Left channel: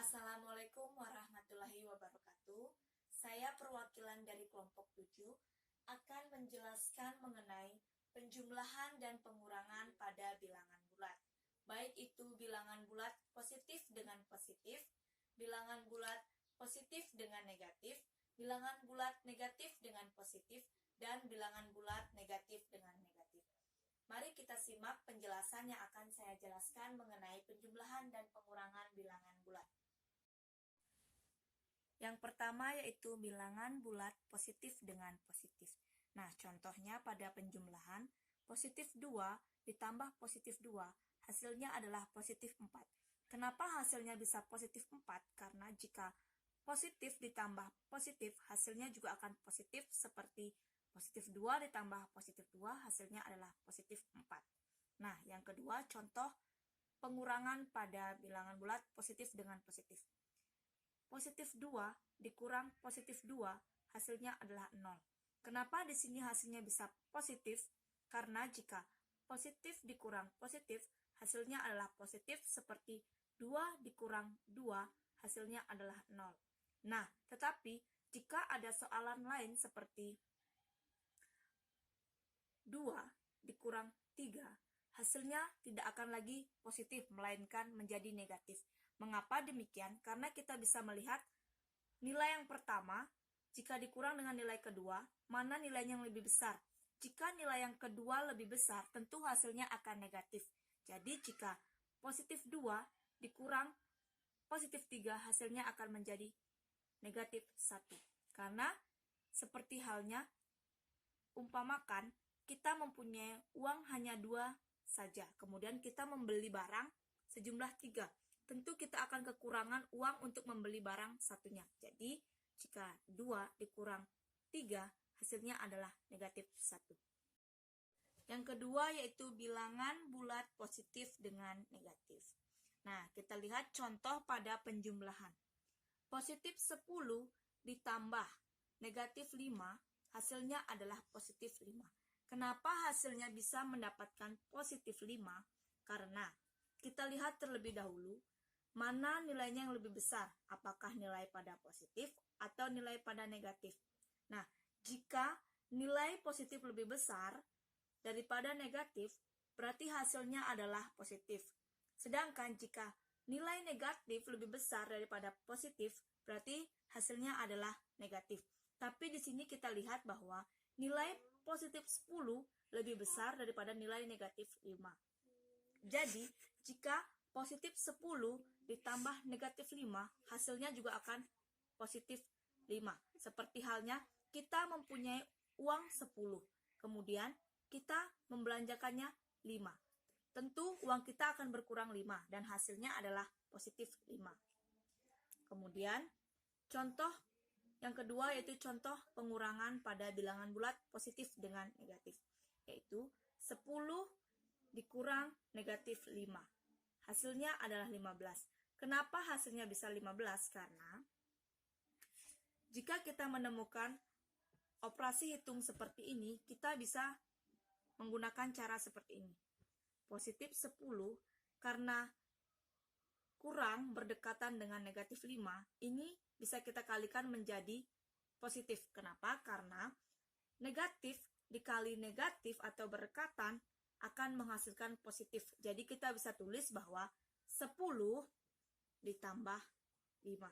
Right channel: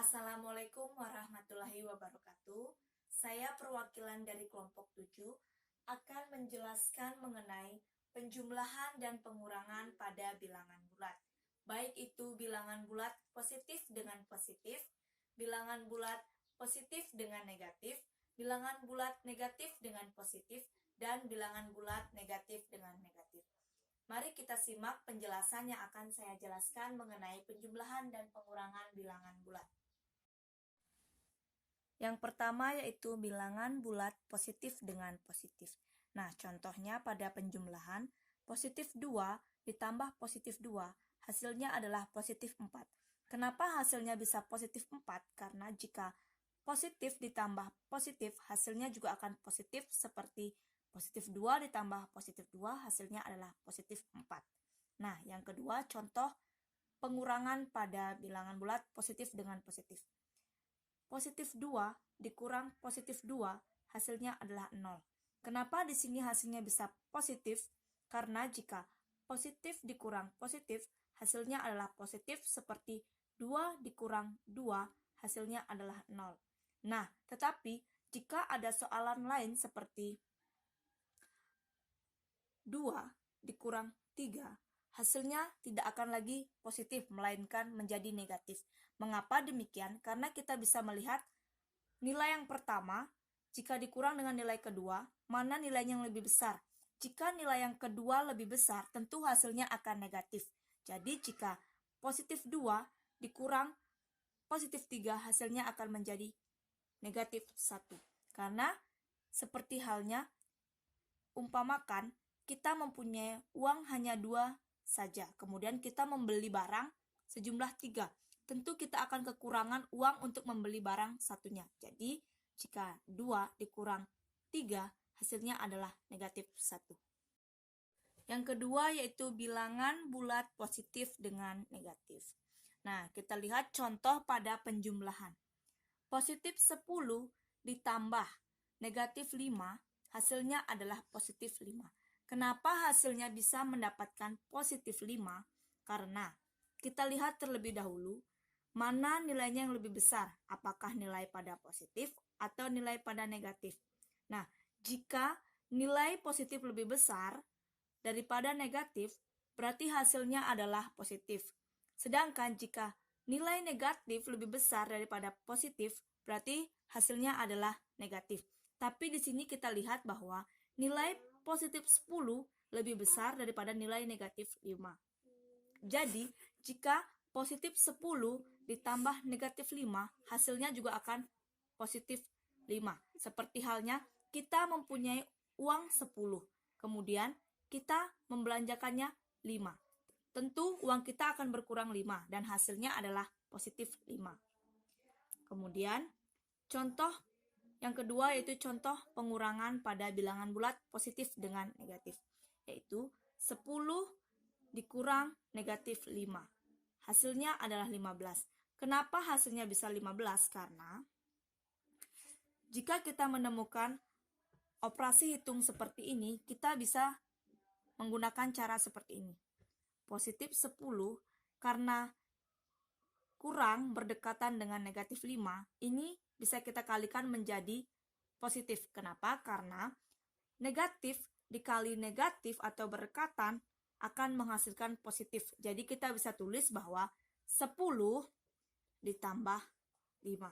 Assalamualaikum warahmatullahi wabarakatuh. Saya perwakilan dari kelompok 7 akan menjelaskan mengenai penjumlahan dan pengurangan pada bilangan bulat. Baik itu bilangan bulat positif dengan positif, bilangan bulat positif dengan negatif, bilangan bulat negatif dengan positif, dan bilangan bulat negatif dengan negatif. Mari kita simak penjelasan yang akan saya jelaskan mengenai penjumlahan dan pengurangan bilangan bulat. Yang pertama yaitu bilangan bulat positif dengan positif. Nah, contohnya pada penjumlahan, positif 2 ditambah positif 2, hasilnya adalah positif 4. Kenapa hasilnya bisa positif 4? Karena jika positif ditambah positif, hasilnya juga akan positif seperti positif 2 ditambah positif 2, hasilnya adalah positif 4. Nah, yang kedua, contoh pengurangan pada bilangan bulat positif dengan positif. Positif 2 dikurang positif 2, hasilnya adalah 0. Kenapa di sini hasilnya bisa positif? Karena jika positif dikurang positif, hasilnya adalah positif seperti 2 dikurang 2, hasilnya adalah 0. Nah, tetapi jika ada soalan lain seperti 2 dikurang 3, hasilnya tidak akan lagi positif, melainkan menjadi negatif. Mengapa demikian? Karena kita bisa melihat nilai yang pertama, jika dikurang dengan nilai kedua, mana nilainya yang lebih besar? Jika nilai yang kedua lebih besar, tentu hasilnya akan negatif. Jadi jika positif 2 dikurang positif 3, hasilnya akan menjadi negatif 1. Karena seperti halnya, umpamakan kita mempunyai uang hanya 2 saja, kemudian kita membeli barang sejumlah 3. Tentu kita akan kekurangan uang untuk membeli barang satunya. Jadi, jika 2 dikurang 3, hasilnya adalah negatif 1. Yang kedua yaitu bilangan bulat positif dengan negatif. Nah, kita lihat contoh pada penjumlahan. Positif 10 ditambah negatif 5, hasilnya adalah positif 5. Kenapa hasilnya bisa mendapatkan positif 5? Karena kita lihat terlebih dahulu, mana nilainya yang lebih besar? Apakah nilai pada positif atau nilai pada negatif? Nah, jika nilai positif lebih besar daripada negatif, berarti hasilnya adalah positif. Sedangkan jika nilai negatif lebih besar daripada positif, berarti hasilnya adalah negatif. Tapi di sini kita lihat bahwa nilai positif 10 lebih besar daripada nilai negatif 5. Jadi, jika positif 10 ditambah negatif 5, hasilnya juga akan positif 5. Seperti halnya kita mempunyai uang 10, kemudian kita membelanjakannya 5. Tentu uang kita akan berkurang 5 dan hasilnya adalah positif 5. Kemudian contoh yang kedua yaitu contoh pengurangan pada bilangan bulat positif dengan negatif, yaitu 10 dikurang negatif 5. Hasilnya adalah 15. Kenapa hasilnya bisa 15? Karena jika kita menemukan operasi hitung seperti ini, kita bisa menggunakan cara seperti ini. Positif 10 karena kurang berdekatan dengan negatif 5, ini bisa kita kalikan menjadi positif. Kenapa? Karena negatif dikali negatif atau berdekatan akan menghasilkan positif. Jadi kita bisa tulis bahwa 10 ditambah 5.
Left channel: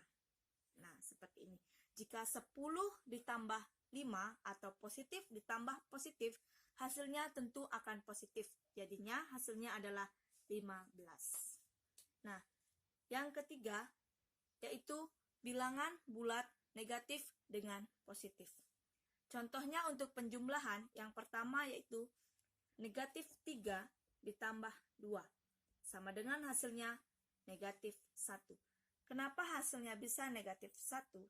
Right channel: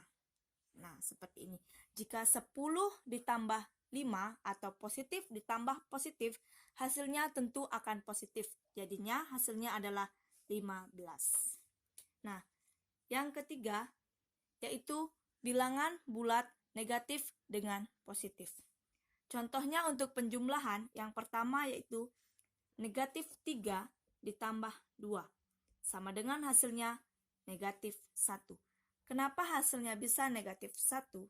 Nah, seperti ini. Jika 10 ditambah 5 atau positif ditambah positif, hasilnya tentu akan positif. Jadinya hasilnya adalah 15. Nah, yang ketiga yaitu bilangan bulat negatif dengan positif. Contohnya untuk penjumlahan, yang pertama yaitu negatif 3 ditambah 2. Sama dengan hasilnya negatif 1. Kenapa hasilnya bisa negatif 1?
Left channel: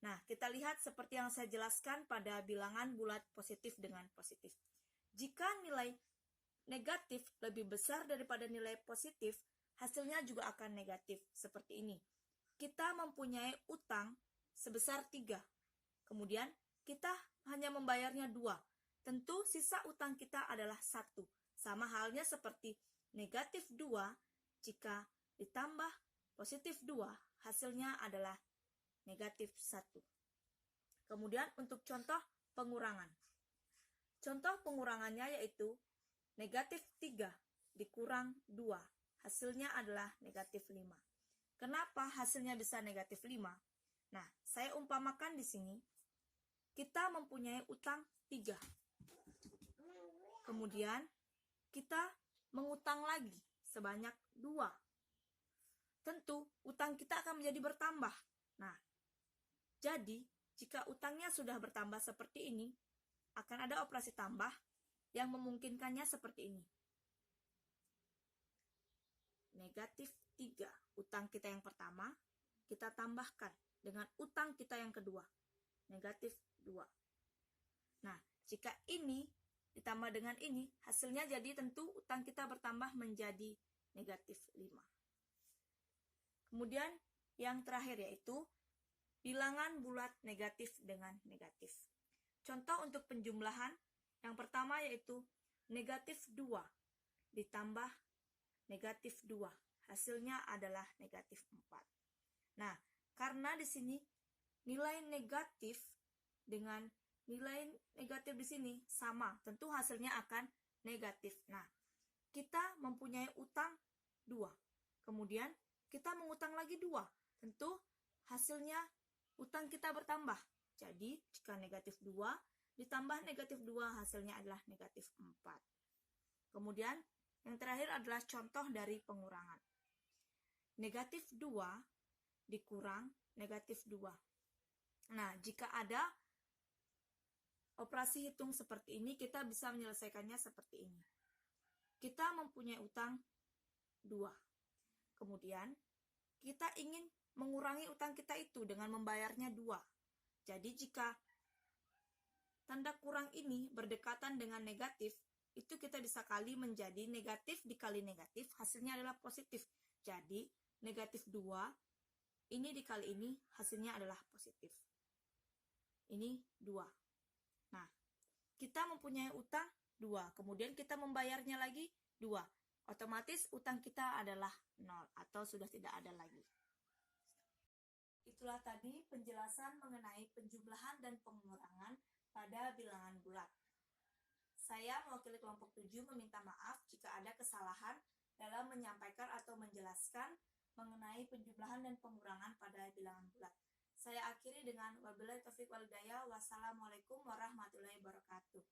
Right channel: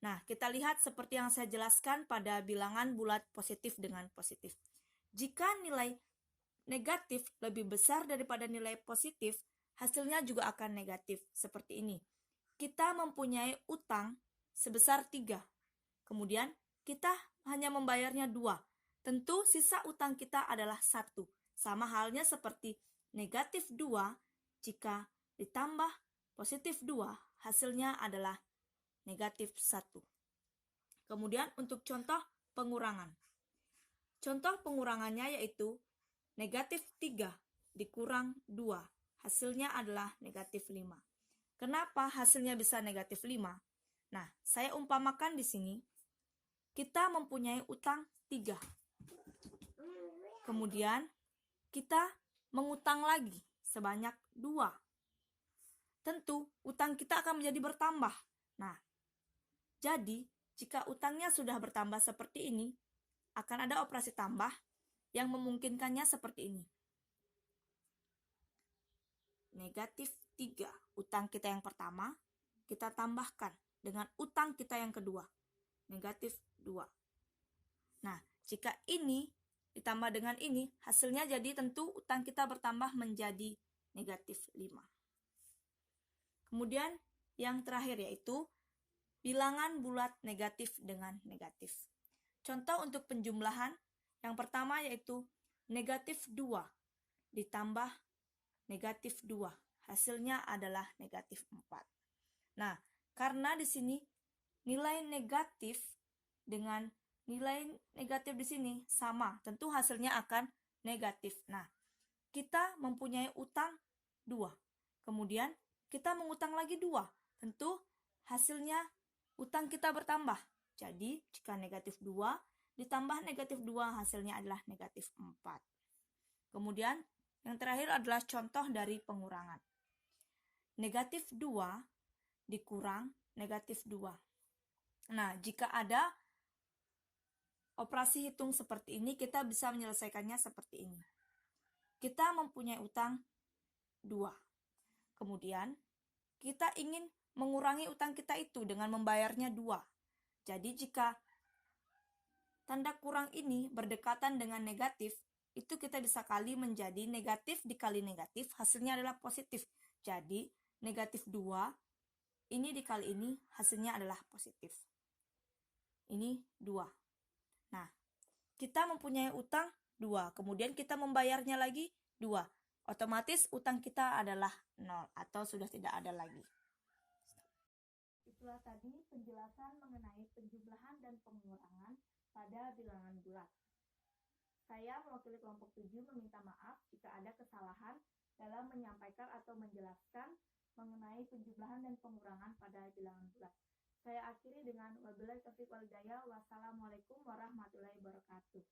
Nah, kita lihat seperti yang saya jelaskan pada bilangan bulat positif dengan positif. Jika nilai negatif lebih besar daripada nilai positif, hasilnya juga akan negatif. Seperti ini. Kita mempunyai utang sebesar 3. Kemudian kita hanya membayarnya 2. Tentu sisa utang kita adalah 1. Sama halnya seperti negatif 2 jika ditambah positif 2, hasilnya adalah negatif 1. Kemudian untuk contoh pengurangan. Contoh pengurangannya yaitu negatif 3 dikurang 2, hasilnya adalah negatif 5. Kenapa hasilnya bisa negatif 5? Nah, saya umpamakan di sini, kita mempunyai utang 3. Kemudian, kita mengutang lagi sebanyak 2. Tentu, utang kita akan menjadi bertambah. Nah, jadi, jika utangnya sudah bertambah seperti ini, akan ada operasi tambah yang memungkinkannya seperti ini. Negatif 3, utang kita yang pertama, kita tambahkan dengan utang kita yang kedua, negatif 2. Nah, jika ini ditambah dengan ini, hasilnya jadi tentu utang kita bertambah menjadi negatif 5. Kemudian yang terakhir yaitu bilangan bulat negatif dengan negatif. Contoh untuk penjumlahan, yang pertama yaitu negatif 2 ditambah negatif 2. Hasilnya adalah negatif 4. Nah, karena di sini nilai negatif dengan nilai negatif di sini sama, tentu hasilnya akan negatif. Nah, kita mempunyai utang 2. Kemudian kita mengutang lagi 2. Tentu hasilnya utang kita bertambah. Jadi, jika negatif 2 ditambah negatif 2, hasilnya adalah negatif 4. Kemudian, yang terakhir adalah contoh dari pengurangan. Negatif 2 dikurang negatif 2. Nah, jika ada operasi hitung seperti ini, kita bisa menyelesaikannya seperti ini. Kita mempunyai utang 2. Kemudian, kita ingin mengurangi utang kita itu dengan membayarnya 2. Jadi, jika tanda kurang ini berdekatan dengan negatif, itu kita bisa kali menjadi negatif dikali negatif, hasilnya adalah positif. Jadi, negatif 2, ini dikali ini, hasilnya adalah positif. Ini 2. Nah, kita mempunyai utang 2, kemudian kita membayarnya lagi 2. Otomatis utang kita adalah 0 atau sudah tidak ada lagi. Itulah tadi penjelasan mengenai penjumlahan dan pengurangan pada bilangan bulat. Saya mewakili kelompok 7 meminta maaf jika ada kesalahan dalam menyampaikan atau menjelaskan mengenai penjumlahan dan pengurangan pada bilangan bulat. Saya akhiri dengan wabillahi taufiq wal hidayah. Wassalamualaikum warahmatullahi wabarakatuh.